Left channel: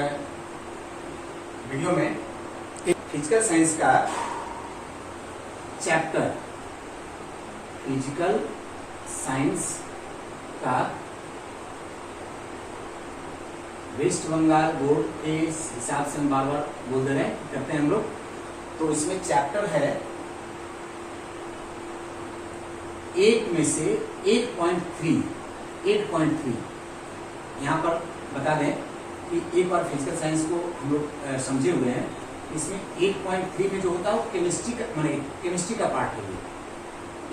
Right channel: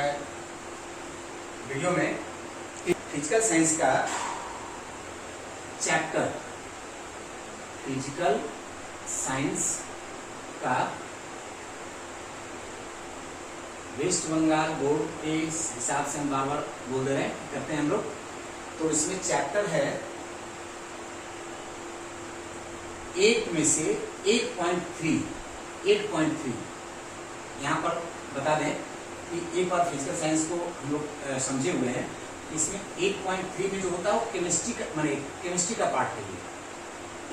Video में physical science का chapter, physical science का वेस्ट बंगाल बोर्ड के हिसाब से हम बार बार बोल दे रहे हैं, करते हैं हम लोग। तो इसमें चैप्टर है 8 में से 8.3 यहाँ पर बता दें कि एक बार फिजिकल साइंस को हम लोग समझे हुए हैं। इसमें 8.3 में जो होता है वो केमिस्ट्री का, माने केमिस्ट्री का पार्ट है।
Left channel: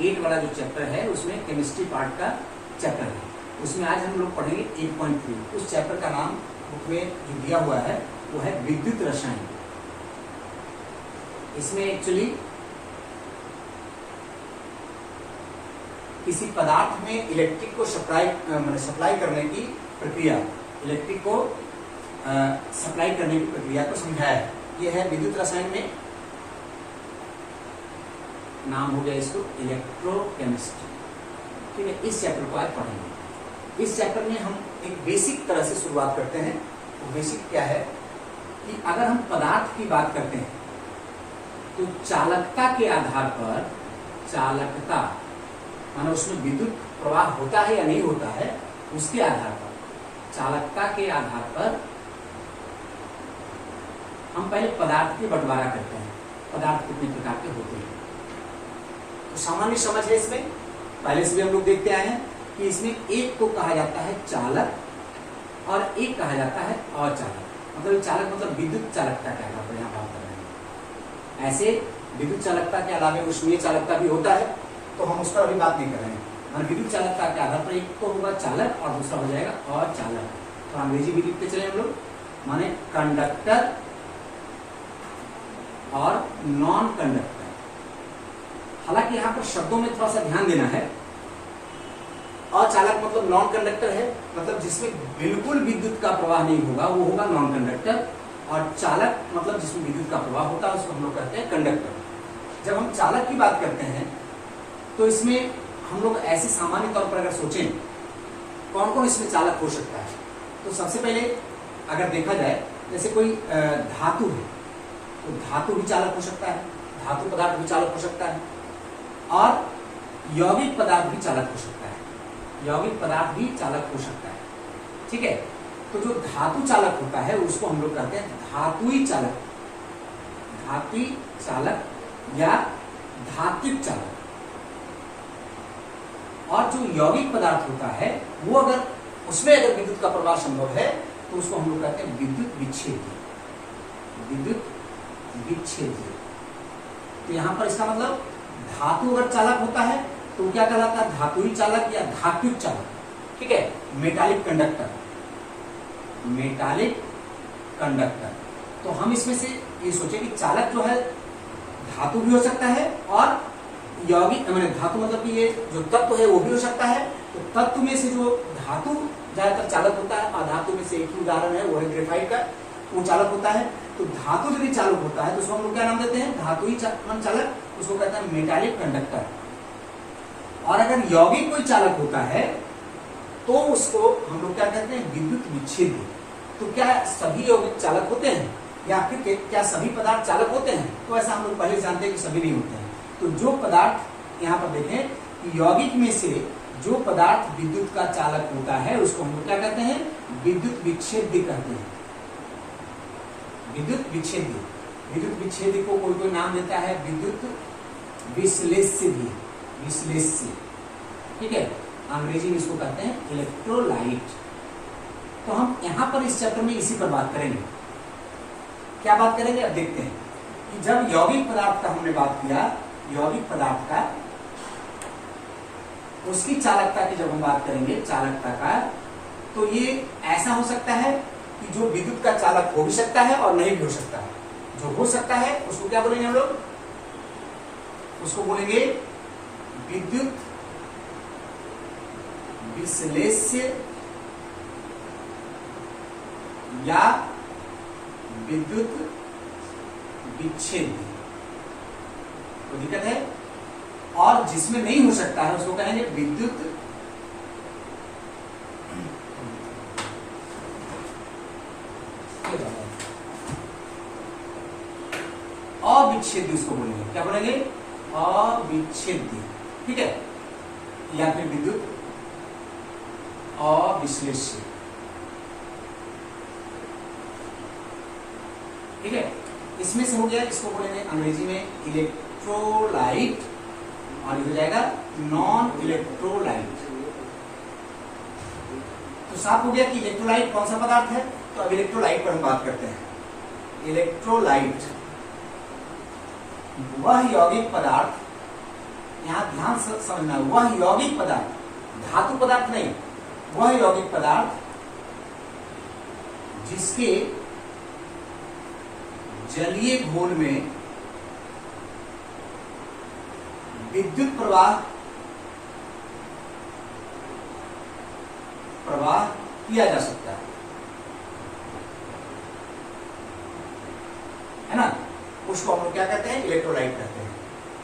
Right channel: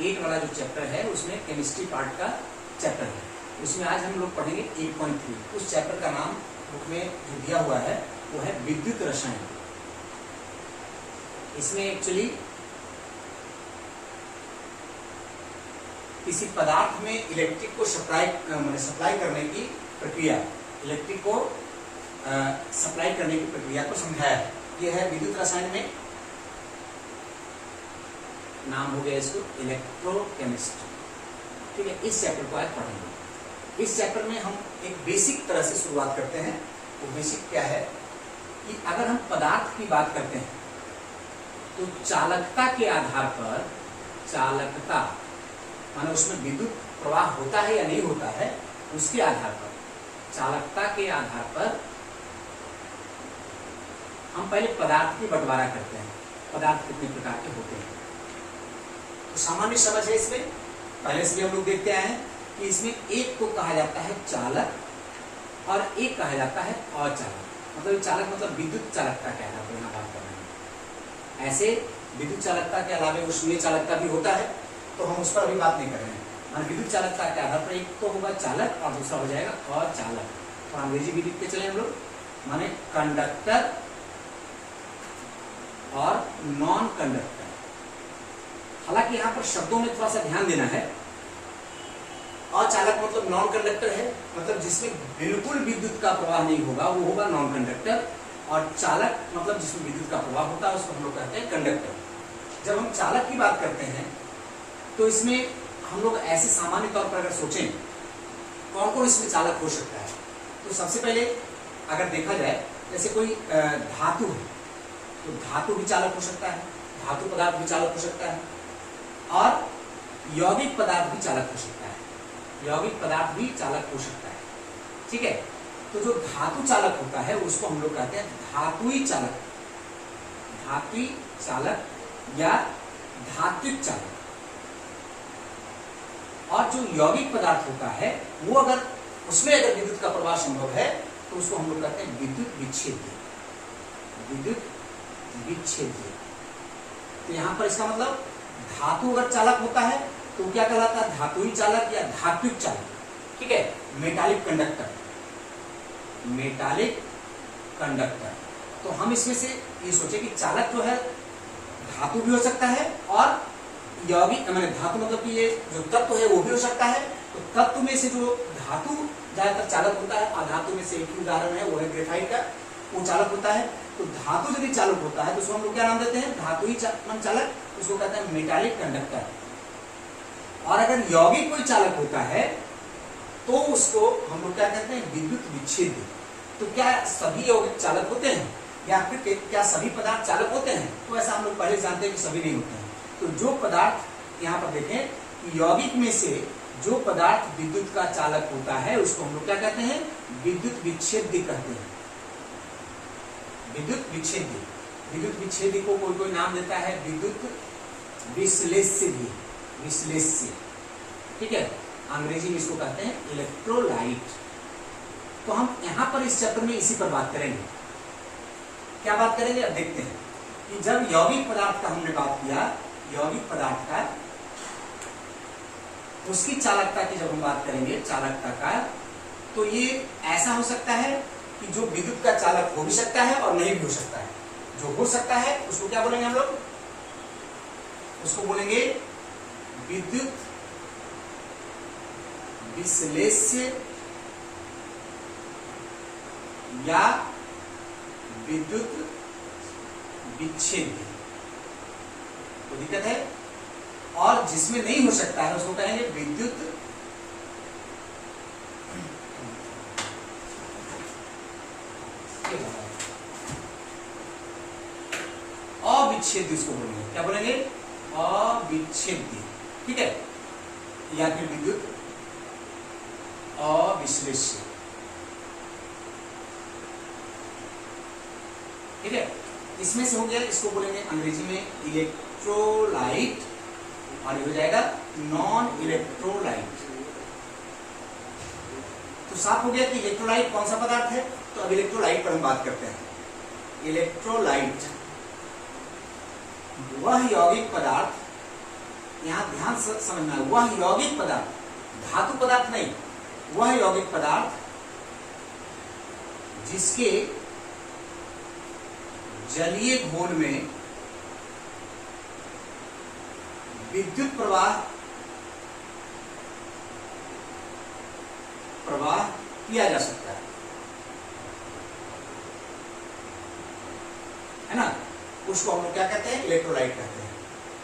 8 वाला जो चैप्टर है उसमें केमिस्ट्री पार्ट का चैप्टर है। उसमें आज हम लोग पढ़ेंगे 8.3। उस चैप्टर का नाम बुक में जो दिया हुआ है वो है विद्युत रसायन। इसमें एक्चुअली किसी पदार्थ में इलेक्ट्रिक को सप्लाई करने की प्रक्रिया, इलेक्ट्रिक को सप्लाई करने की प्रक्रिया को समझाया है। यह है विद्युत रसायन में, नाम हो गया इसको इलेक्ट्रोकेमिस्ट्री। ठीक है, इस चैप्टर को आज पढ़ेंगे। इस चैप्टर में हम एक बेसिक तरह से शुरुआत करते हैं। तो बेसिक क्या है कि अगर हम पदार्थ की बात करते हैं तो चालकता के आधार पर, चालकता माने उसमें विद्युत प्रवाह होता है या नहीं होता है, उसके आधार पर, चालकता के आधार पर हम पहले पदार्थ की बंटवारा करते हैं। पदार्थ कितने प्रकार के होते हैं तो सामान्य समझ है इसमें, पहले से भी हम लोग देखते आए हैं कि इसमें एक को कहा जाता है चालक और एक कहा जाता है अचालक। मतलब चालक मतलब विद्युत चालकता के आधार पर यहाँ बात कर रहे हैं। ऐसे विद्युत चालकता के अलावा उष्मीय चालकता भी होता है, तो हम उस पर अभी बात नहीं कर रहे हैं। माने विद्युत चालकता के आधार पर एक तो होगा चालक और दूसरा हो जाएगा अचालक। तो अंग्रेजी भी लिखते चले हम लोग, माने कंडक्टर और नॉन कंडक्टर। हालांकि यहाँ पर शब्दों में थोड़ा सा ध्यान देना है। अचालक मतलब नॉन कंडक्टर है, मतलब जिसमें बिल्कुल विद्युत का प्रवाह नहीं होगा वो होगा नॉन कंडक्टर। और चालक मतलब जिसमें विद्युत का प्रवाह होता है उसको हम लोग कहते हैं कंडक्टर। जब हम चालक की बात करते हैं तो इसमें हम लोग ऐसे सामान्य तौर पर अगर सोचें कौन कौन इसमें चालक हो सकता है, तो सबसे पहले अगर देखा जाए जैसे कोई धातु है तो धातु भी चालक हो सकता है, धातु पदार्थ भी चालक हो सकता है, और यौगिक पदार्थ भी चालक हो सकता है, यौगिक पदार्थ भी चालक हो सकता है। ठीक है, तो जो धातु चालक होता है उसको हम लोग कहते हैं धातुई चालक, धातुई चालक या धात्विक चालक। और जो यौगिक पदार्थ होता है वो अगर उसमें अगर विद्युत का प्रवाह संभव है तो उसको हम लोग कहते हैं विद्युत विच्छेदी, विद्युत विच्छेदी। तो यहां पर इसका मतलब धातु अगर चालक होता है तो क्या कहलाता है, धातुई चालक या धात्विक चालक। ठीक है, मेटालिक कंडक्टर, मेटालिक कंडक्टर। तो हम इसमें से ये सोचे कि चालक जो है धातु भी हो सकता है और यौगिक मैंने धातु मतलब कि ये जो तत्व है वो भी हो सकता है। तो तत्व में से जो धातु ज्यादातर चालक होता है, और धातु में से एक ही उदाहरण है वो है ग्रेफाइट का, वो चालक होता है। तो धातु यदि चालक होता है तो उसको हम लोग क्या नाम देते हैं, धातुई चालक, उसको कहते हैं मेटालिक कंडक्टर। और अगर यौगिक कोई चालक होता है तो उसको हम लोग क्या कहते हैं, विद्युत विच्छेदी। तो क्या सभी यौगिक चालक होते हैं या फिर क्या सभी पदार्थ चालक होते हैं, तो ऐसा हम लोग पहले जानते हैं कि सभी नहीं होते हैं। तो जो पदार्थ यहाँ पर देखें कि यौगिक में से जो पदार्थ विद्युत का चालक होता है उसको हम लोग क्या कहते हैं, विद्युत विच्छेदी कहते हैं, विद्युत विच्छेदी। विद्युत विच्छेदी को कोई कोई नाम देता है विद्युत विश्लेष्य भी, विश्लेष्य। ठीक है, अंग्रेजी में इसको कहते हैं इलेक्ट्रोलाइट। तो हम यहाँ पर इस चैप्टर में इसी पर बात करेंगे। क्या बात करेंगे, अब देखते हैं कि जब यौगिक पदार्थ का हमने बात किया, यौगिक पदार्थ का उसकी चालकता की जब हम बात करेंगे, चालकता का, तो ये ऐसा हो सकता है कि जो विद्युत का चालक हो भी सकता है और नहीं भी हो सकता है। जो हो सकता है उसको क्या बोलेंगे हम लोग, उसको बोलेंगे विद्युत विश्लेष्य या विद्युत विच्छेदी। तो दिक्कत है। और जिसमें नहीं हो सकता है उसको कहेंगे विद्युत अविच्छेद्य उसको बोलेंगे। क्या बोलेंगे? अविच्छेद्य। ठीक है, या फिर विद्युत अविश्लेष्य। ठीक है, इसमें से हो गया, इसको बोलेंगे अंग्रेजी में इलेक्ट्रोलाइट, और ये हो जाएगा नॉन इलेक्ट्रोलाइट। तो साफ हो गया कि इलेक्ट्रोलाइट कौन सा पदार्थ है। तो अब इलेक्ट्रोलाइट पर हम बात करते हैं। इलेक्ट्रोलाइट वह यौगिक पदार्थ, यहां ध्यान से समझना, वह यौगिक पदार्थ, धातु पदार्थ नहीं, वह यौगिक पदार्थ जिसके जलीय घोल में विद्युत प्रवाह किया जा सकता है ना। उसको हम लोग क्या कहते हैं? इलेक्ट्रोलाइट कहते हैं।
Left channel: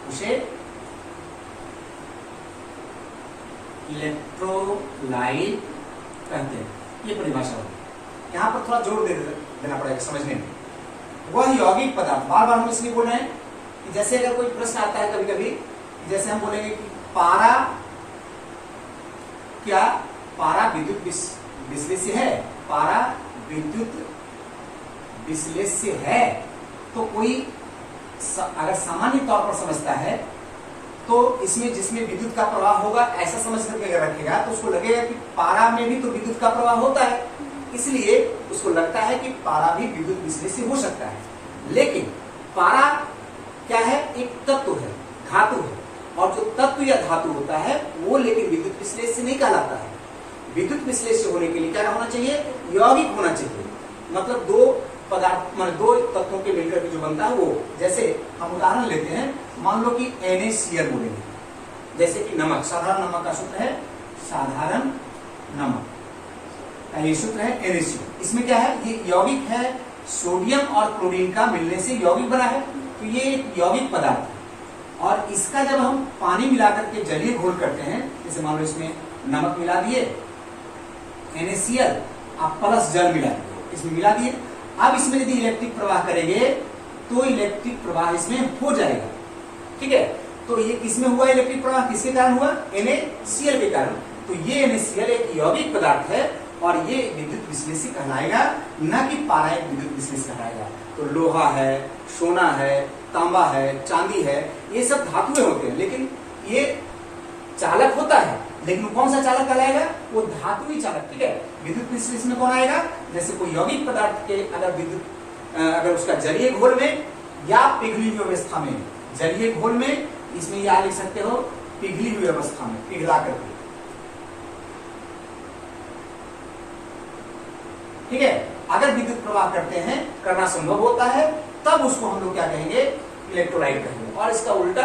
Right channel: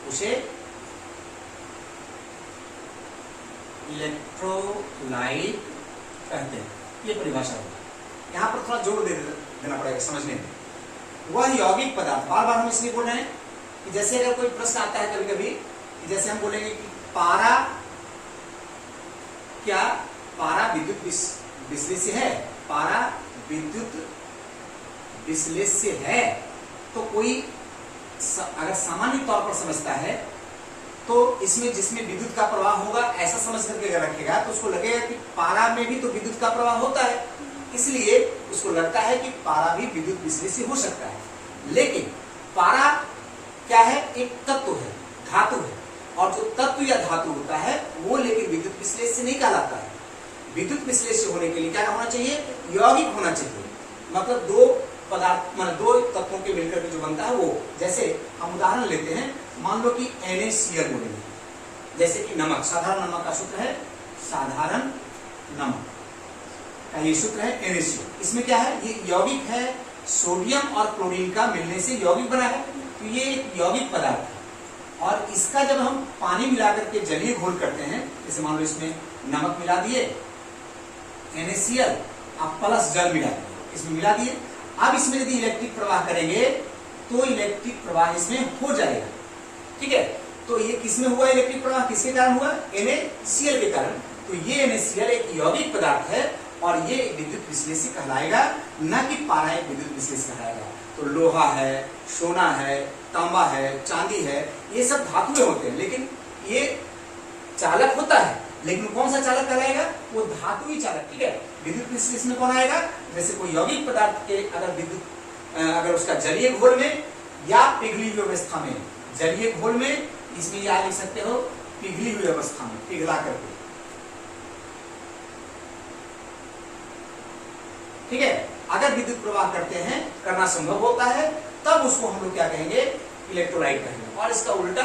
उसे इलेक्ट्रोलाइट कहते हैं। ये परिभाषा होगी। यहां पर थोड़ा जोर देना पड़ेगा समझने में। वह यौगिक पदार्थ, बार बार हम इसलिए बोल रहे हैं कि जैसे अगर कोई प्रश्न आता है कभी कभी, जैसे हम बोलेंगे कि पारा, क्या पारा विद्युत विश्लेष्य है? पारा विद्युत विश्लेष्य है। तो कोई अगर सामान्य तौर पर समझता है तो इसमें जिसमें विद्युत का प्रवाह होगा ऐसा समझ करके अगर रखेगा तो उसको लगेगा कि पारा में भी तो विद्युत का प्रवाह होता है, इसलिए उसको लगता है कि पारा भी विद्युत विश्लेष्य हो सकता है। लेकिन पारा क्या है? एक तत्व है, धातु है, और जो तत्व या धातु होता है वो लेकिन विद्युत विश्लेष्य नहीं कहलाता है। विद्युत विश्लेष्य होने के लिए क्या होना चाहिए? यौगिक होना चाहिए। मतलब दो पदार्थ, मतलब दो तत्वों के मिलकर के जो बनता है वो। जैसे हम उदाहरण लेते हैं, मान लो कि NaCl बोलेंगे, जैसे कि नमक, साधारण नमक का सूत्र है, साधारण नमक का ये सूत्र है NaCl। इसमें क्या है? ये यौगिक है, सोडियम और क्लोरीन का मिलने से यौगिक बना है। तो ये एक यौगिक पदार्थ है, और इसका जब हम पानी मिलाकर के जलीय घोल करते हैं, जैसे मान लो इसमें नमक मिला दिए, NaCl, आप प्लस जल मिला दिए, इसमें मिला दिए। अब इसमें यदि इलेक्ट्रिक प्रवाह करेंगे तो इलेक्ट्रिक प्रवाह इसमें हो जाएगा। ठीक है, तो ये किसमें हुआ इलेक्ट्रिक प्रवाह? किसके कारण हुआ? NaCl के कारण। तो ये NaCl एक यौगिक पदार्थ है और ये विद्युत विश्लेष्य कहलाएगा, न कि पारा एक विद्युत विश्लेष्य कहलाएगा। तो लोहा है, सोना है, तांबा है, चांदी है, ये सब धातुएं होते हैं, लेकिन ये चालक होता है, लेकिन कौन सा चालक कहलाएगा? वो धातुई चालक। ठीक है, विद्युत विश्लेषण में कौन आएगा? जैसे कोई यौगिक पदार्थ के अगर विद्युत, अगर उसका जलीय घोल में या पिघली हुई अवस्था में, जलीय घोल में, इसमें या लिख सकते हो पिघली हुई अवस्था में, पिघला करके। ठीक है, अगर विद्युत प्रवाह करते हैं, करना संभव होता है, तब उसको हम लोग क्या कहेंगे? इलेक्ट्रोलाइट कहेंगे। और इसका उल्टा,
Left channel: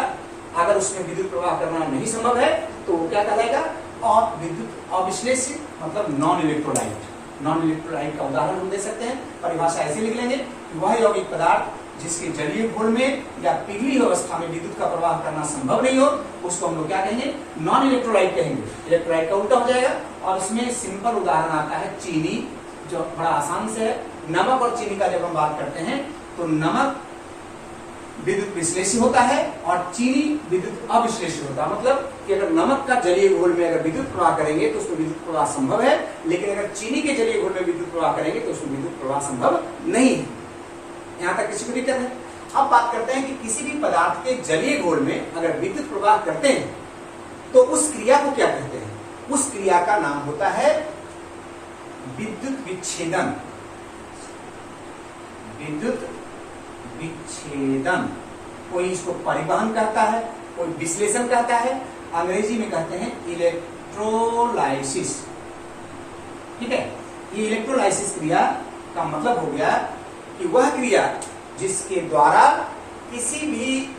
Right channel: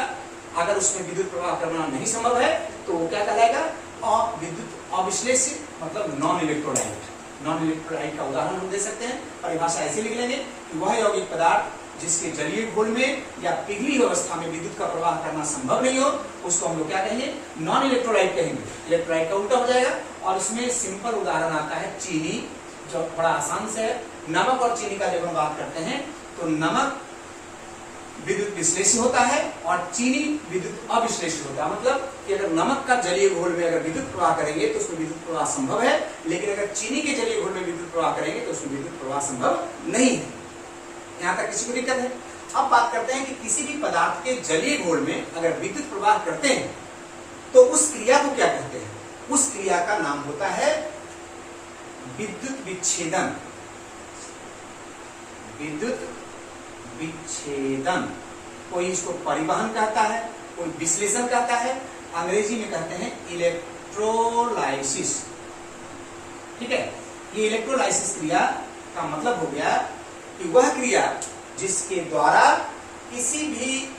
अगर उसमें विद्युत प्रवाह करना नहीं संभव है तो वो क्या कहलाएगा? और विद्युत अविश्लेष्य, मतलब नॉन इलेक्ट्रोलाइट। नॉन इलेक्ट्रोलाइट का उदाहरण हम दे सकते हैं, परिभाषा ऐसे लिख लेंगे कि वह यौगिक पदार्थ जिसके जलीय घोल में या पिघली अवस्था में विद्युत का प्रवाह करना संभव नहीं हो, उसको हम लोग क्या कहेंगे? नॉन इलेक्ट्रोलाइट कहेंगे। इलेक्ट्रोलाइट का उल्टा हो जाएगा। और उसमें सिंपल उदाहरण आता है चीनी, जो बड़ा आसान से है। नमक और चीनी का जब हम बात करते हैं तो नमक विद्युत विश्लेष्य होता है और चीनी विद्युत अविश्लेष्य होता है। मतलब कि अगर नमक का जलीय घोल में अगर विद्युत प्रवाह करेंगे तो उसमें विद्युत प्रवाह संभव है, लेकिन अगर चीनी के जलीय घोल में विद्युत प्रवाह करेंगे तो उसमें विद्युत प्रवाह संभव नहीं है। यहां तक किसी को दिक्कत है? अब बात करते हैं कि किसी भी पदार्थ के जलीय घोल में अगर विद्युत प्रवाह करते हैं तो उस क्रिया को क्या कहते हैं? उस क्रिया का नाम होता है विद्युत विच्छेदन। विद्युत विच्छेदन। कोई इसको परिवहन कहता है, कोई विश्लेषण कहता है, अंग्रेजी में कहते हैं इलेक्ट्रोलाइसिस। ठीक है, ये इलेक्ट्रोलाइसिस क्रिया का मतलब हो गया कि वह क्रिया जिसके द्वारा किसी भी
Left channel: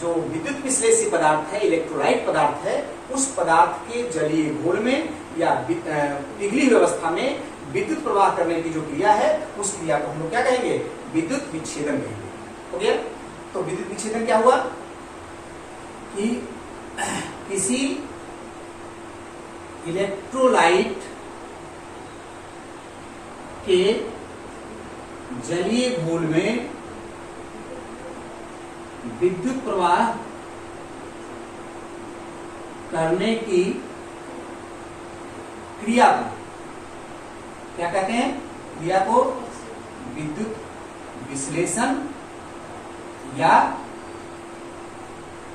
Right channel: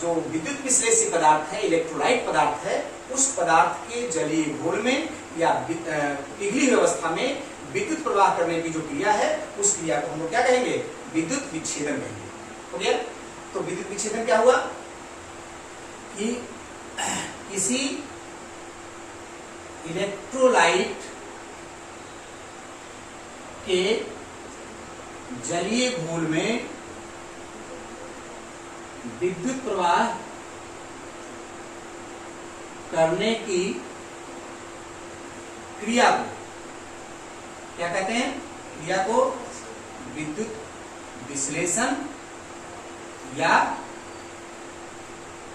जो विद्युत विश्लेष्य पदार्थ है, इलेक्ट्रोलाइट पदार्थ है, उस पदार्थ के जलीय घोल में या पिघली हुई अवस्था में विद्युत प्रवाह करने की जो क्रिया है, उस क्रिया को हम लोग क्या कहेंगे? विद्युत विच्छेदन कहेंगे। हो गया? तो विद्युत विच्छेदन क्या हुआ कि किसी इलेक्ट्रोलाइट के जलीय घोल में विद्युत प्रवाह करने की क्रिया को क्या कहते हैं? क्रिया को विद्युत विश्लेषण या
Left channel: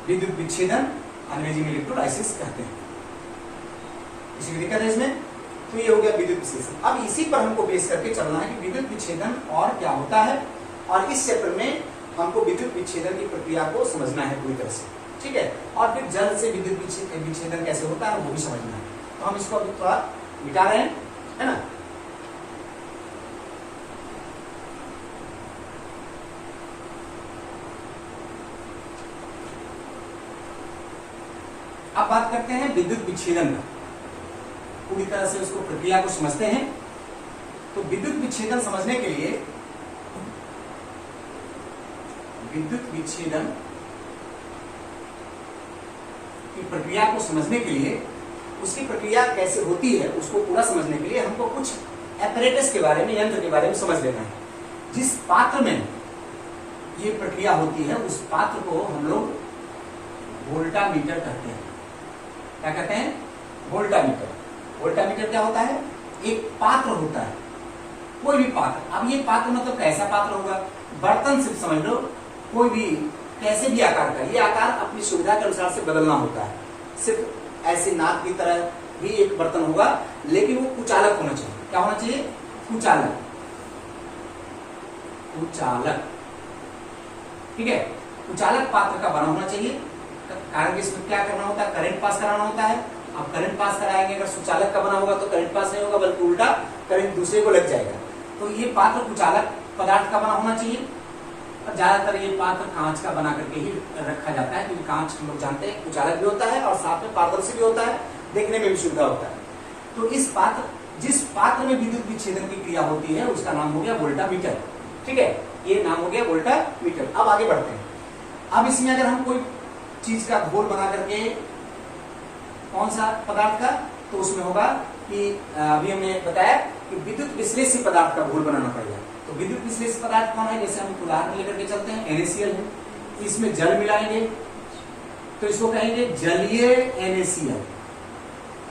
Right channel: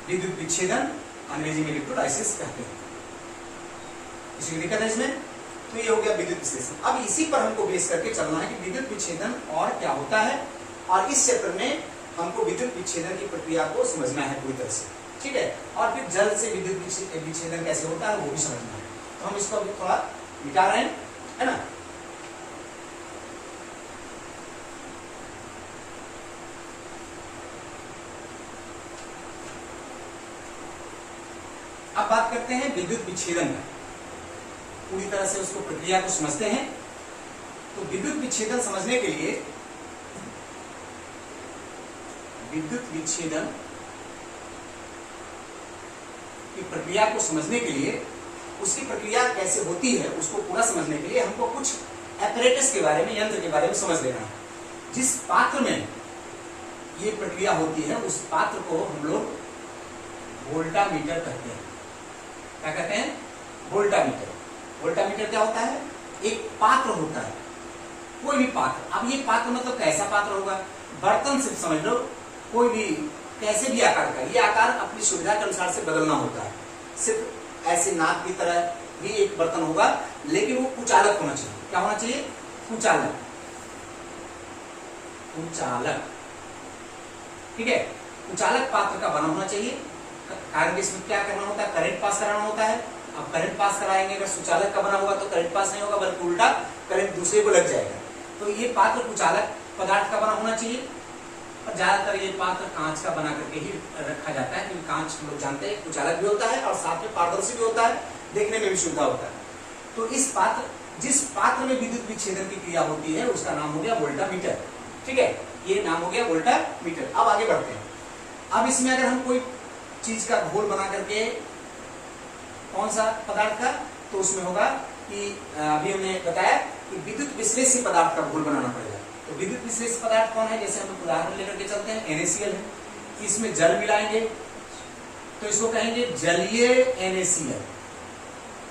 विद्युत विच्छेदन, अंग्रेजी में इलेक्ट्रोलाइसिस कहते हैं। किसी दिक्कत है इसमें? तो ये हो गया विद्युत विश्लेषण। अब इसी पर हमको बेस करके चलना है कि विद्युत विच्छेदन और क्या होता है, और इस चैप्टर में हमको विद्युत विच्छेदन की प्रक्रिया को समझना है पूरी तरह से, ठीक है। और फिर जल से विद्युत विच्छेदन कैसे होता है वो भी समझना है। तो हम इसको अभी थोड़ा मिटा रहे हैं, है ना। अब बात करते हैं विद्युत विच्छेदन का, पूरी तरह से उसको प्रक्रिया को समझते हैं। तो विद्युत विच्छेदन समझने के लिए, विद्युत विच्छेदन की प्रक्रिया को समझने के लिए, उसकी प्रक्रिया कैसे होती है उसको पूरा समझने के लिए हमको कुछ एपरेटस के बारे में, यंत्र के बारे में समझ लेना है। जिस पात्र में ये प्रक्रिया होती है उस पात्र को हम लोग वोल्टामीटर कहते हैं। क्या कहते हैं? वोल्टामीटर। वोल्टामीटर क्या होता है? एक पात्र होता है, कोई भी पात्र। अब ये पात्र मतलब कैसा पात्र होगा? बर्तन सिर्फ समझ लो, कोई भी कैसे भी आकार का, ये आकार अपनी सुविधा के अनुसार से बदलना होता है। सिर्फ ऐसे नाक की तरह ही एक बर्तन होगा, लेकिन वो कुचालक होना चाहिए। क्या होना चाहिए? कुचालक। कुचालक, ठीक है। कुचालक पात्र का बना होना चाहिए, कारण इसमें क्या करना होता है? करंट पास कराना होता है। अब करंट पास कराएंगे, अगर सुचालक का बना होगा तो करंट पास नहीं होगा, बल्कि उल्टा करंट दूसरे को लग जाएगा। तो ये पात्र कुचालक पदार्थ का बना होना चाहिए। और ज्यादातर ये पात्र कांच का बना करके ही रखा जाता है, क्योंकि कांच लोग जानते हैं कुचालक भी होता है और साथ में पारदर्शी भी होता है, देखने में भी सुविधा होता है। तो इस पात्र, जिस पात्र में विद्युत विच्छेदन की क्रिया होती है उसका नाम हो गया वोल्टामीटर, ठीक है। ये नाम हो गया वोल्टामीटर। अब आगे बढ़ते हैं। अब इसमें अगर हम कोई चीज का घोल बना करके, कौन सा पदार्थ का, तो उसमें होगा कि अभी हमने बताया कि विद्युत विश्लेषी पदार्थ का घोल बनाना पड़ेगा। तो विद्युत विश्लेषी पदार्थ कौन है? जैसे हम उदाहरण लेकर के चलते हैं, NaCl है। इसमें जल मिलाएंगे तो इसको कहेंगे जलीय NaCl,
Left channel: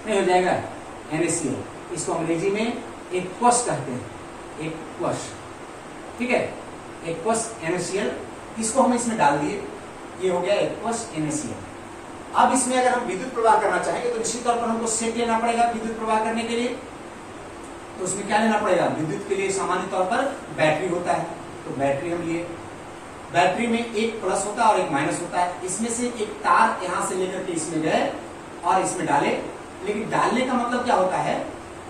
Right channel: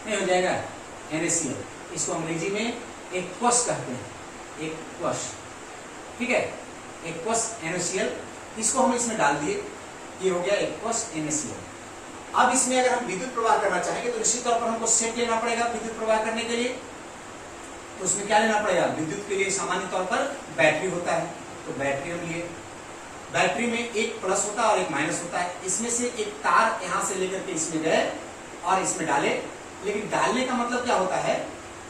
नहीं हो जाएगा NaCl। इसको अंग्रेजी में एक्वस कहते हैं, एक्वस, ठीक है। एक्वस NaCl, इसको हम इसमें डाल दिए, ये हो गया एक्वस NaCl। अब इसमें अगर हम विद्युत प्रवाह करना चाहेंगे तो निश्चित तौर पर हमको सेट लेना पड़ेगा विद्युत प्रवाह करने के लिए। तो उसमें क्या लेना पड़ेगा? विद्युत के लिए सामान्य तौर पर बैटरी होता है, तो बैटरी हम लिए। बैटरी में एक प्लस होता है और एक माइनस होता है। इसमें से एक तार यहां से लेकर के इसमें गए और इसमें डाले। लेकिन डालने का मतलब क्या होता है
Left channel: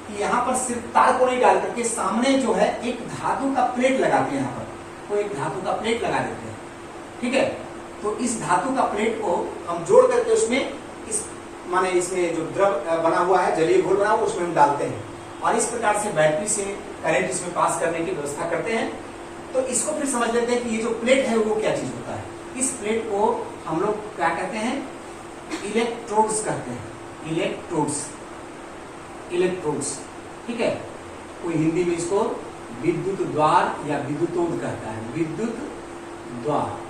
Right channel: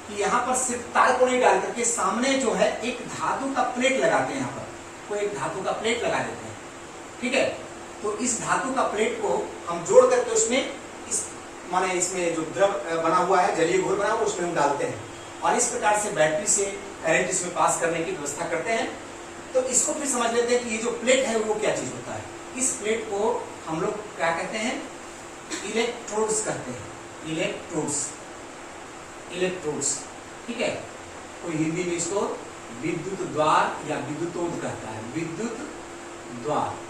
कि यहाँ पर सिर्फ तार को नहीं डाल करके सामने जो है एक धातु का प्लेट लगाते हैं। यहाँ पर कोई एक धातु का प्लेट लगा देते हैं, ठीक है। तो इस धातु का प्लेट को हम जोड़ करके उसमें इस माने इसमें जो द्रव बना हुआ है, जलीय घोल बना हुआ, उसमें हम डालते हैं और इस प्रकार से बैटरी से करंट इसमें पास करने की व्यवस्था करते हैं। तो इसको फिर समझ लेते हैं कि ये जो प्लेट है वो क्या चीज होता है। इस प्लेट को हम लोग क्या कहते हैं? इलेक्ट्रोड्स कहते हैं। इलेक्ट्रोड्स, इलेक्ट्रोड्स, ठीक है। कोई हिंदी में इसको विद्युत द्वार या विद्युतोद कहता है, विद्युत द्वार।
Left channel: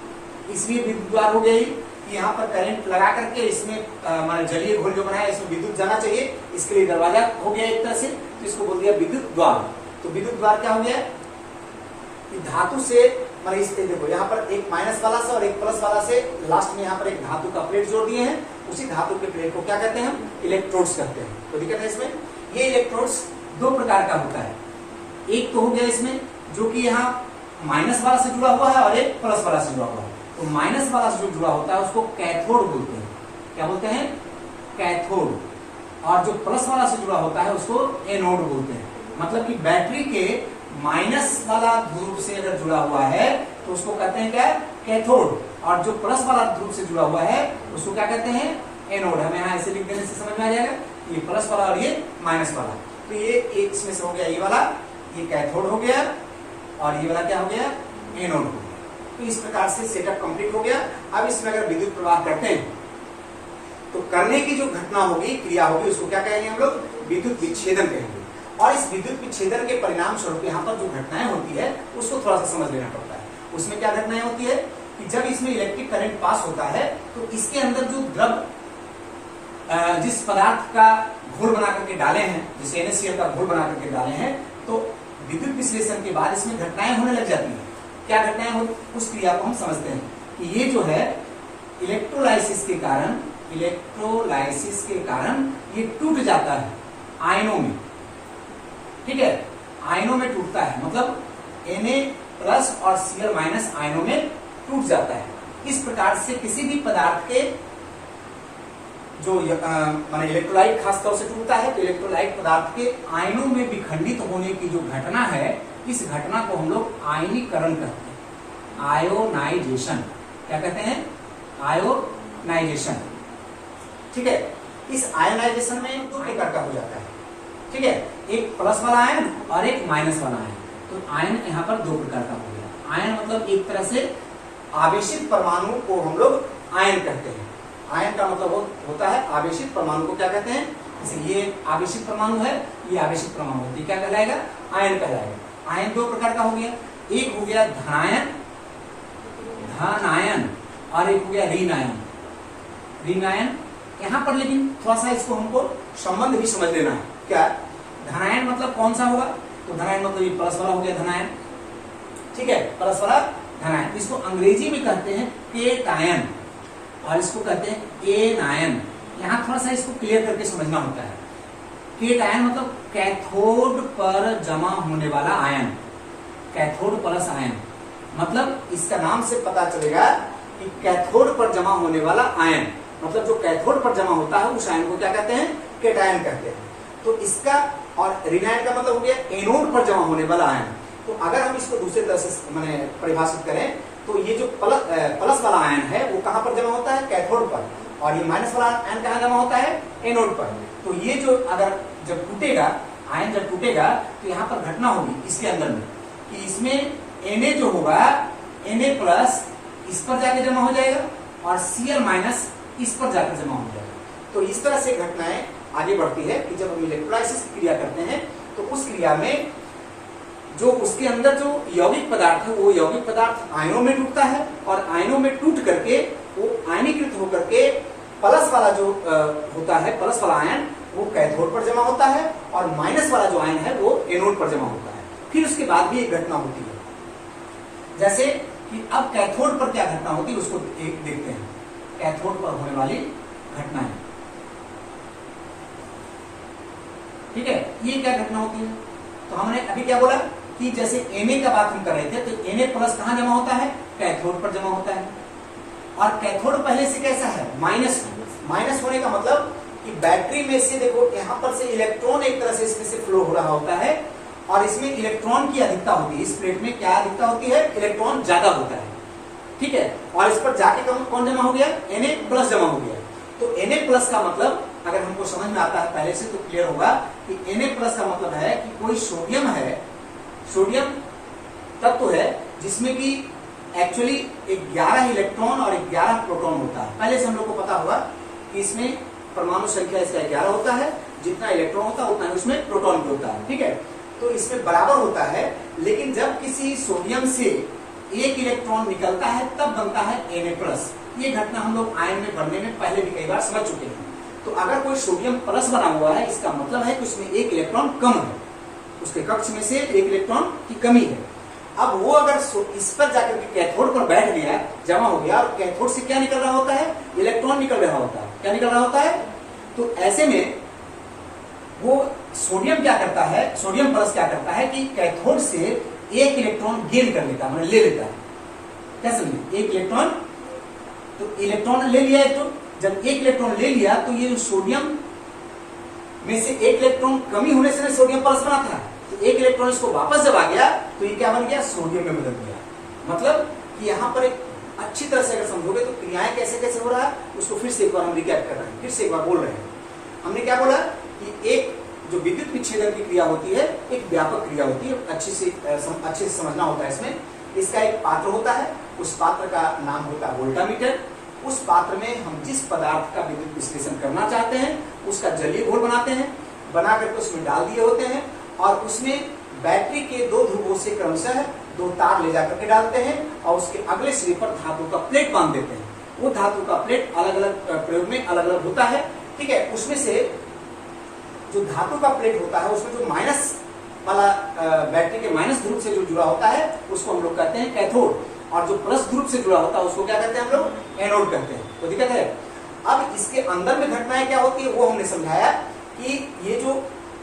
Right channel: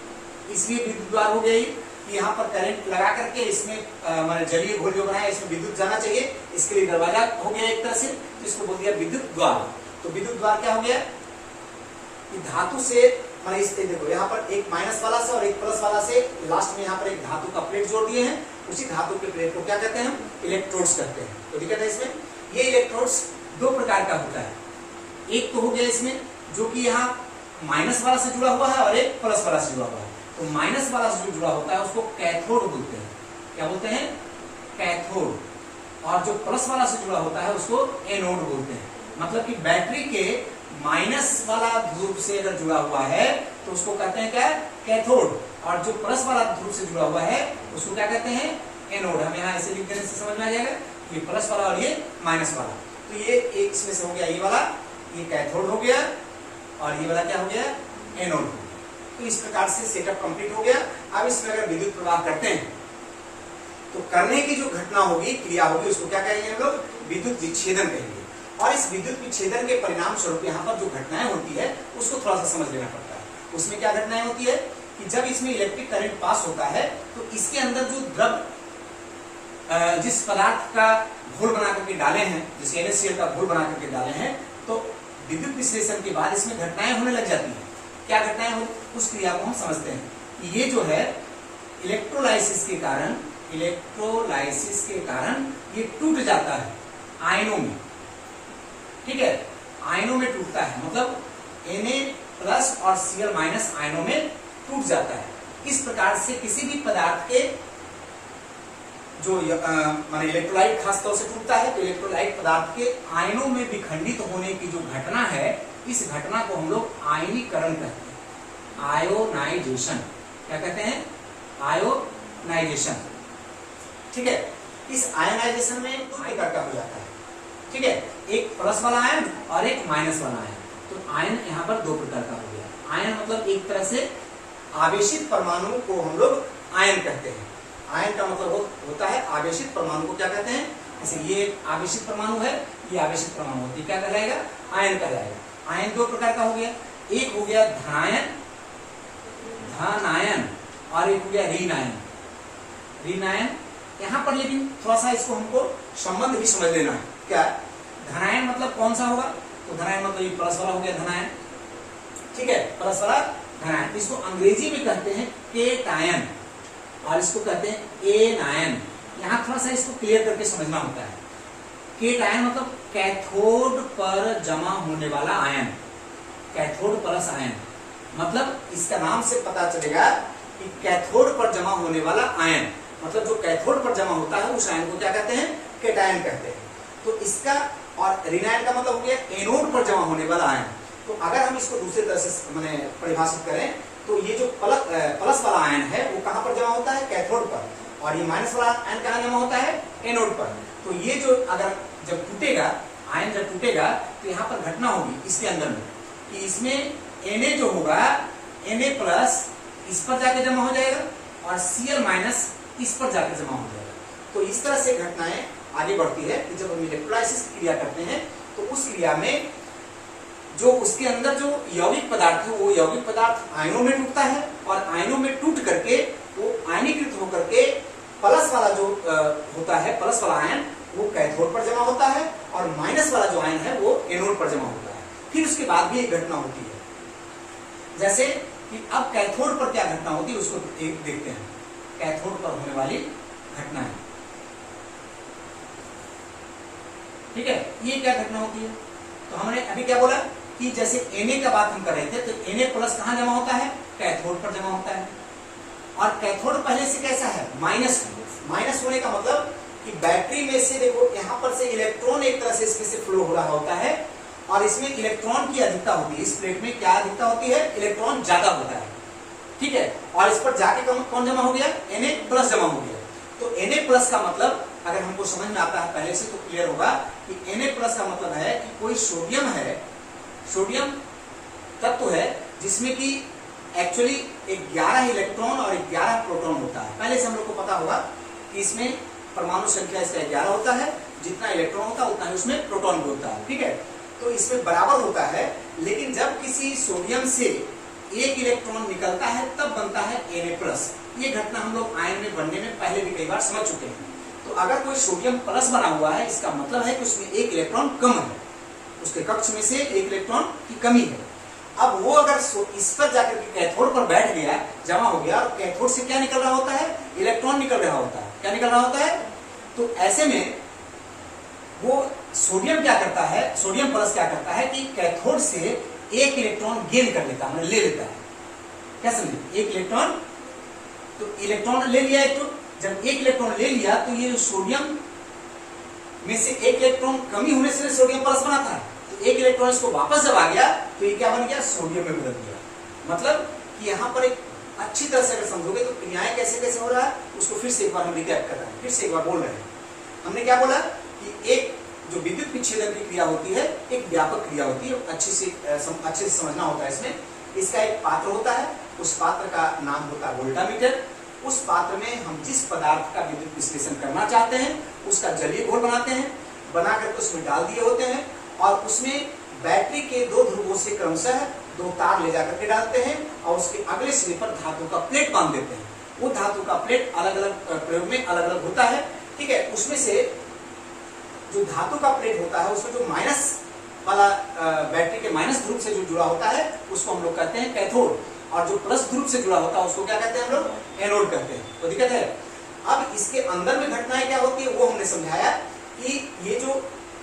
इसलिए विद्युत द्वार हो गई कि यहाँ पर करंट लगा करके इसमें हमारे जलीय घोल जो बनाया इसमें विद्युत जाना चाहिए, इसके लिए दरवाजा हो गया एक तरह से, तो इसको बोल दिया विद्युत द्वार। तो विद्युत द्वार क्या हो गया कि धातु से, मतलब इस देखो यहाँ पर एक माइनस वाला से और एक प्लस वाला से, लास्ट में यहाँ पर एक धातु का प्लेट जोड़ दिए हैं। उसी धातु के प्लेट को क्या कहते हैं? हम इलेक्ट्रोड्स कहते हैं। तो दिक्कत है इसमें, ये इलेक्ट्रोड्स दो प्रकार का होता है। एक तो हो गया इसमें जो कि यहाँ माइनस वाला से जुड़ा हुआ है और एक प्लस वाला से जुड़ा हुआ है। तो माइनस वाला से जो जुड़ा होता है उसको कैथोड बोलते हैं। क्या बोलते हैं? कैथोड। और जो प्लस वाला से जुड़ा होता है उसको एनोड बोलते हैं। मतलब कि बैटरी के माइनस वाला ध्रुव से अगर जुड़ा हुआ है तो उसको कहते हैं क्या? कैथोड। और जो प्लस वाला ध्रुव से जुड़ा हुआ है उसको क्या कहते हैं? एनोड। हमें यहाँ ऐसे लिख देने से समझ में आ जाएगा, ये प्लस वाला और ये माइनस वाला। तो ये एक इसमें से हो गया, ये वाला ये कैथोड हो गया और ये वाला क्या हो गया? एनोड हो गया। तो इस प्रकार से सेटअप कंप्लीट हो गया। अब इसमें अगर विद्युत प्रवाह करते हैं तो करने की जो घटना होगी, क्रिया होगी, उसको क्या कहेंगे हम लोग? विद्युत विच्छेदन कहेंगे। और इस विद्युत विच्छेदन के परिणाम स्वरूप यहाँ पर जो घटनाएं होती है उसको थोड़ा सा समझ लेना पड़ता है। उसमें क्या घटनाएं होती है कि जब इसमें इलेक्ट्रिक करंट पास होता है तो इसके अंदर जो द्रव जिस पदार्थ का घोल बना करके डाले हैं, जिस NaCl का घोल बना करके डाले हैं, तो विद्युत विश्लेषण के बाद इसमें घटनाएं होने लग जाती हैं। क्या घटनाएं हो, उस क्रिया को हम समझते हैं कि ये जो है इलेक्ट्रोलाइसिस के कारण ये टूट जाता है आयनों में। ठीक है, आयनों में टूटता है, मतलब Na+ और Cl- आयनों में टूट जाता है। इस प्रकार से किसी भी पदार्थ के जो माने इलेक्ट्रोलाइट खासतौर से टूटता है, तो इलेक्ट्रोलाइट पदार्थ के आयनों में विखंडित होने की जो घटना है, इस घटना को हम लोग आयनीकरण कहते हैं, आयोनाइजेशन। क्या कहते हैं? आयोनाइजेशन। ठीक है, इस आयोनाइजेशन में दो प्रकार का हो जाता है। ठीक है, एक प्लस वाला आयन और एक माइनस वाला आयन। तो आयन यहाँ पर दो प्रकार का हो गया। आयन मतलब एक तरह से आवेशित परमाणु को हम लोग आयन कहते हैं। आयन का मतलब होता है आवेशित परमाणु को क्या कहते हैं? जैसे ये आवेशित परमाणु है, ये आवेशित परमाणु है, क्या कहलाएगा? आयन कहलाएगा। आयन दो प्रकार का हो गया, एक हो गया धनायन और एक हो गया ऋणायन। यहाँ पर लेकिन थोड़ा सा इसको हमको संबंध भी समझ लेना है। क्या धनायन मतलब कौन सा होगा? तो धनायन मतलब ये प्लस वाला हो गया धनायन। ठीक है, प्लस वाला धनायन। इसको अंग्रेजी में कहते हैं केटायन और इसको कहते हैं एनायन। यहाँ थोड़ा सा इसको क्लियर करके समझना होता है। केटायन मतलब कैथोड पर जमा होने वाला आयन, कैथोड प्लस आयन। मतलब इसका नाम से पता चलेगा कि कैथोड पर जमा होने वाला आयन, मतलब जो कैथोड पर जमा होता है उस आयन को क्या कहते हैं? केटायन कहते हैं। तो इसका और ऋणायन का मतलब हो गया एनोड पर जमा होने वाला आयन। तो अगर हम इसको दूसरे तरह से माने परिभाषित करें तो ये जो प्लस वाला आयन है वो कहां पर जमा होता है? कैथोड पर। और ये माइनस वाला आयन कहां जमा होता है? एनोड पर। तो ये जो अगर जब टूटेगा, आयन जब टूटेगा तो यहाँ पर घटना होगी इसके अंदर में कि इसमें Na जो होगा, Na+ इस पर जाके जमा हो जाएगा और Cl- इस पर जाकर जमा हो जाएगा। तो इस तरह से घटनाएं आगे बढ़ती है कि जब हम इलेक्ट्रोलाइसिस की क्रिया करते हैं तो उस क्रिया में जो उसके अंदर जो यौगिक पदार्थ है वो यौगिक पदार्थ आयनों में टूटता है और आयनों में टूट करके वो आयनीकृत होकर के प्लस वाला जो होता है, प्लस वाला आयन वो कैथोड पर जमा होता है और माइनस वाला जो आयन है वो एनोड पर जमा होता है। फिर उसके बाद भी एक घटना होती है, जैसे कि अब कैथोड पर क्या घटना होती है उसको देखते हैं। कैथोड पर होने वाली घटनाएं, ठीक है, ये क्या घटना होती है? तो हमने अभी क्या बोला कि जैसे Na का बात हम कर रहे थे, तो Na+ कहां जमा होता है? कैथोड पर जमा होता है। और कैथोड पहले से कैसा है? माइनस होने का मतलब कि बैटरी में से देखो यहाँ पर से इलेक्ट्रॉन एक तरह से इसमें से फ्लो हो रहा होता है और इसमें इलेक्ट्रॉन की अधिकता होती है। इस प्लेट में क्या अधिकता होती है? इलेक्ट्रॉन ज्यादा होता है। ठीक है, और इस पर जाके कौन जमा हो गया? Na+ जमा हो गया। तो Na+ का मतलब अगर हमको समझ में आता है पहले से तो क्लियर होगा कि Na+ का मतलब है कि कोई सोडियम है, सोडियम तत्व है जिसमें कि एक्चुअली 11 इलेक्ट्रॉन और 11 प्रोटॉन होता है। पहले से हम लोग को पता होगा कि इसमें परमाणु संख्या इसका 11 होता है, जितना इलेक्ट्रॉन होता है उतना ही उसमें प्रोटॉन भी होता है। ठीक है, तो इसमें बराबर होता है, लेकिन जब किसी सोडियम से एक इलेक्ट्रॉन निकलता है तब बनता है Na+। ये घटना हम लोग आयन में बनने में पहले भी कई बार समझ चुके हैं। तो अगर कोई सोडियम प्लस बना हुआ है, इसका मतलब है कि उसमें एक इलेक्ट्रॉन कम है, उसके कक्ष में से एक इलेक्ट्रॉन की कमी है। अब वो अगर इस पर जाकर के कैथोड पर बैठ गया, जमा हो गया, और कैथोड से क्या निकल रहा होता है? इलेक्ट्रॉन निकल रहा होता है। क्या निकल रहा होता है? तो ऐसे में वो सोडियम क्या करता है? सोडियम प्लस क्या करता है कि कैथोड से एक इलेक्ट्रॉन गेन कर लेता है, ले लेता है। क्या समझे? एक इलेक्ट्रॉन, तो इलेक्ट्रॉन ले लिया एक, तो जब एक इलेक्ट्रॉन ले लिया तो ये सोडियम में से एक इलेक्ट्रॉन कमी होने से सोडियम प्लस बना था, तो एक इलेक्ट्रॉन इसको वापस जब आ गया तो ये क्या बन गया? सोडियम में बदल गया। मतलब कि यहाँ पर एक अच्छी तरह से अगर समझोगे तो क्रियाएं कैसे कैसे हो रहा है उसको फिर से एक बार हम रिकैप कर रहे हैं, फिर से एक बार बोल रहे हैं। हमने क्या बोला कि एक जो विद्युत विच्छेदन की क्रिया होती है एक व्यापक क्रिया होती है, अच्छे से समझना होता है। इसमें इसका एक पात्र होता है, उस पात्र का नाम होता है वोल्टामीटर। उस पात्र में हम जिस पदार्थ का विद्युत विश्लेषण करना चाहते हैं उसका जलीय घोल बनाते हैं, बना करके उसमें डाल दिए होते हैं और उसमें बैटरी के दो ध्रुवों से क्रमशः दो तार ले जाकर के डालते हैं और उसके अगले सिरे पर धातु का प्लेट बांध देते हैं। वो धातु का प्लेट अलग अलग प्रयोग में अलग अलग होता है, ठीक है। उसमें से जो धातु का प्लेट होता है उसमें जो माइनस वाला बैटरी के माइनस ध्रुव से जो जुड़ा होता है उसको हम लोग कहते हैं कैथोड, और जो प्लस ध्रुव से जुड़ा होता है उसको क्या कहते हैं हम लोग एनोड कहते हैं। कोई दिक्कत है? अब इसके अंदर में घटनाएं क्या होती है वो हमने समझाया कि ये जो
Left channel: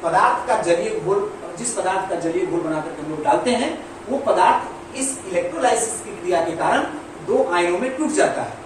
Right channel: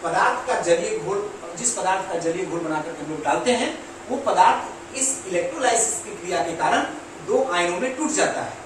पदार्थ का जलीय घोल, जिस पदार्थ का जलीय घोल बनाकर हम लोग डालते हैं वो पदार्थ इस इलेक्ट्रोलाइसिस की क्रिया के कारण दो आयनों में टूट जाता है।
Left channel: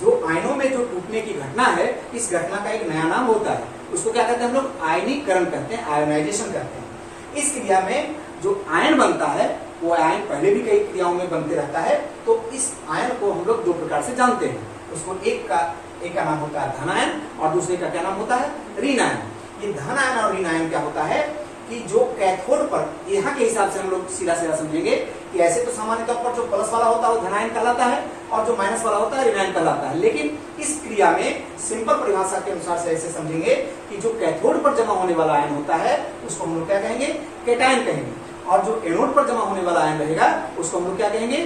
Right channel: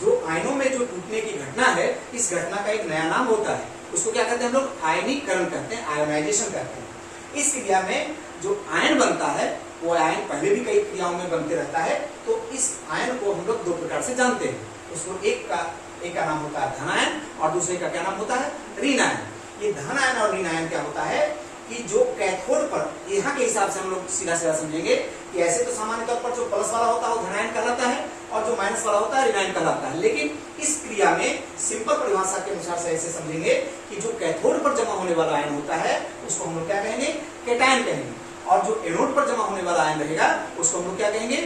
जो आयनों में जो टूटने की घटना है, इस घटना का एक नया नाम होता है, उसको क्या कहते हैं हम लोग आयनीकरण कहते हैं, आयोनाइजेशन कहते हैं। इस क्रिया में जो आयन बनता है वो आयन पहले भी कई क्रियाओं में बनते रहता है, तो इस आयन को हम लोग दो प्रकार से जानते हैं। उसको एक का नाम होता है धन आयन और दूसरे का क्या नाम होता है ऋण आयन। ये धन आयन और ऋण आयन क्या होता है कि जो कैथोड पर, यहाँ के हिसाब से हम लोग सीधा सीधा समझेंगे कि ऐसे तो सामान्य तौर पर जो प्लस वाला होता है वो धन आयन कहलाता है और जो माइनस वाला होता है ऋण आयन कहलाता है, लेकिन इस क्रिया में सिंपल परिभाषा के अनुसार से ऐसे समझेंगे कि जो कैथोड पर जमा होने वाला आयन होता है उसको हम लोग क्या कहेंगे कैटायन कहेंगे, और जो एनोड पर जमा होने वाला आयन रहेगा उसको हम लोग क्या कहेंगे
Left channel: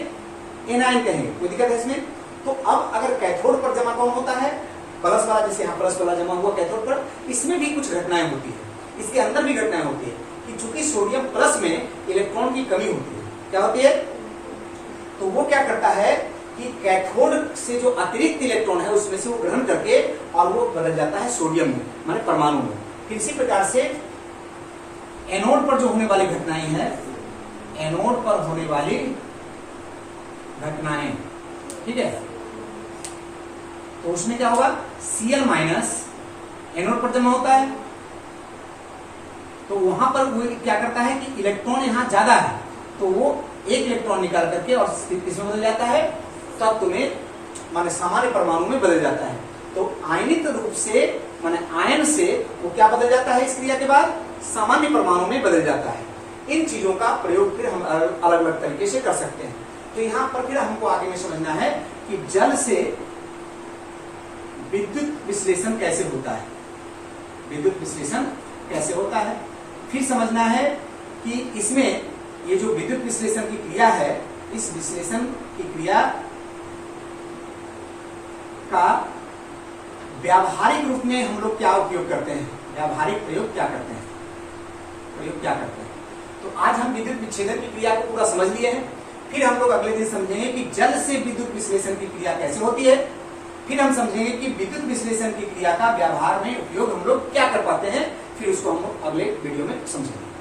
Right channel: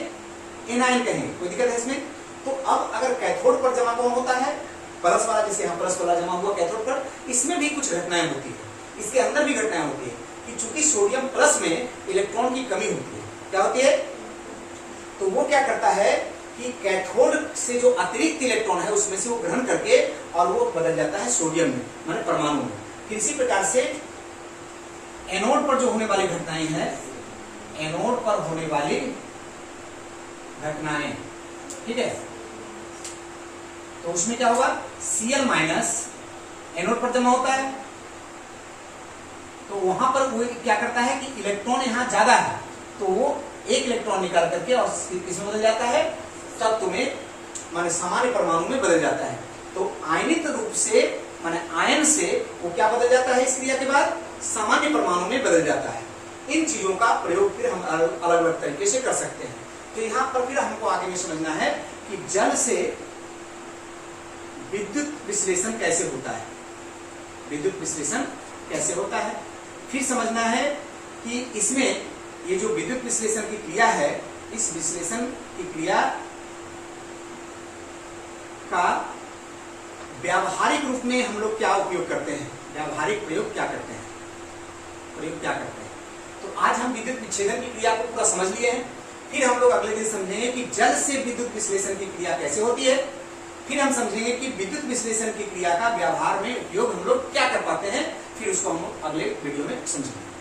एनायन कहेंगे। कोई दिक्कत है इसमें? तो अब अगर कैथोड पर जमा कौन होता है प्लस वाला, जैसे यहाँ प्लस वाला जमा हुआ कैथोड पर, इसमें भी कुछ घटनाएं होती है, इसके अंदर भी घटनाएं होती है कि चूंकि सोडियम प्लस में इलेक्ट्रॉन की कमी होती है, क्या होती है, तो वो क्या करता है कि कैथोड से जो अतिरिक्त इलेक्ट्रॉन है उसमें से वो ग्रहण करके और वो बदल जाता है सोडियम में, माने परमाणु में। फिर इसी प्रकार से एनोड पर जो होने वाली घटनाएं हैं, एनोड पर होने वाली घटनाएं, ठीक है, तो उसमें क्या होगा Cl माइनस एनोड पर जमा होता है, तो वहां पर वो क्या करता है कि इलेक्ट्रॉन यहां ज्यादा है तो वो एक इलेक्ट्रॉन निकाल करके और किसमें बदल जाता है तत्व में, माने सामान्य परमाणु में बदल जाता है। तो आयनित रूप से माने आयन से वो क्या बदल जाता है इस क्रिया के बाद सामान्य परमाणु में बदल जाता है। इन चीजों का प्रयोग फिर हम अलग अलग तरीके से कर सकते हैं। तो यहाँ पर फिर हमको आगे में समझना है कि जल से विद्युत विश्लेषण कैसे होता है, विद्युत विश्लेषण कैसे होता है। फिर समझना है कि इसमें ये जो विद्युत विश्लेषण की क्रिया है, इस विश्लेषण की क्रिया का व्यावहारिक रूप में हम लोग क्या उपयोग करते हैं, व्यावहारिक प्रयोग क्या करते हैं, प्रयोग क्या करते हैं। तो आज हम विद्युत विच्छेदन की क्रिया को पूरा समझ लिए हैं। फिर हम लोग अगले दिन समझेंगे कि जल से विद्युत विश्लेषण की क्रिया कैसे होती है। फिर हम समझेंगे कि विद्युत विश्लेषण की क्रिया का व्यवहार में उपयोग हम लोग क्या कर पाते हैं, फिर उसको हम अगले वीडियो में समझेंगे।